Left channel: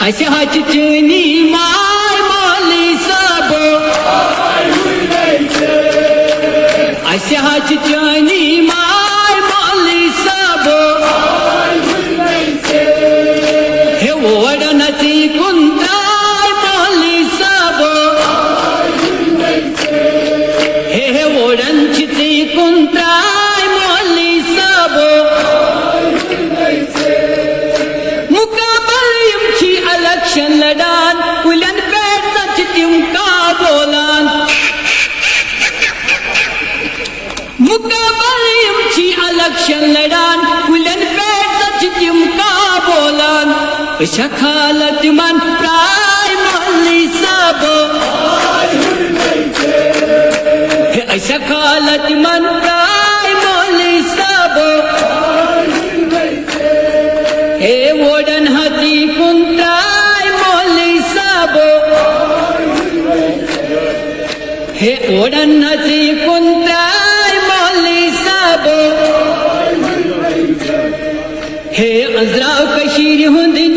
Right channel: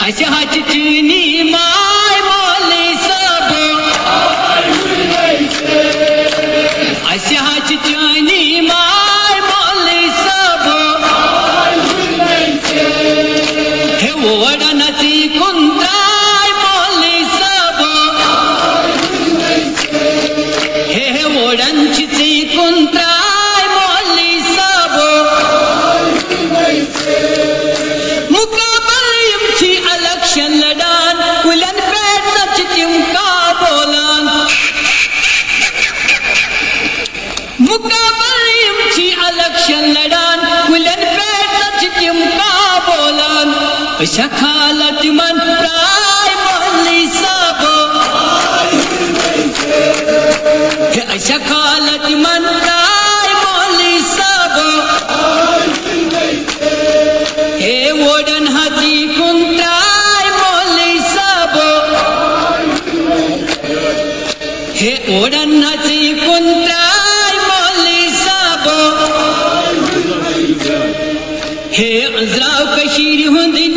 चनी माय माली साबो चनी माय माली साबो हे ओडनची कुंताय माली साबो हे ओडनची कुंताय माली साबो मुकाबलची इलेक्शन लढान कुलन पेटच किंका बोलान मुकाबलची इलेक्शन लढान कुलन पेटच किंका बोलान शखालत मन प्राय माली साबो शखालत मन प्राय माली साबो हे ओडन हाती कुंताय माली साबो हे ओडन हाती कुंताय माली साबो हे अजरा कशीर हुंदी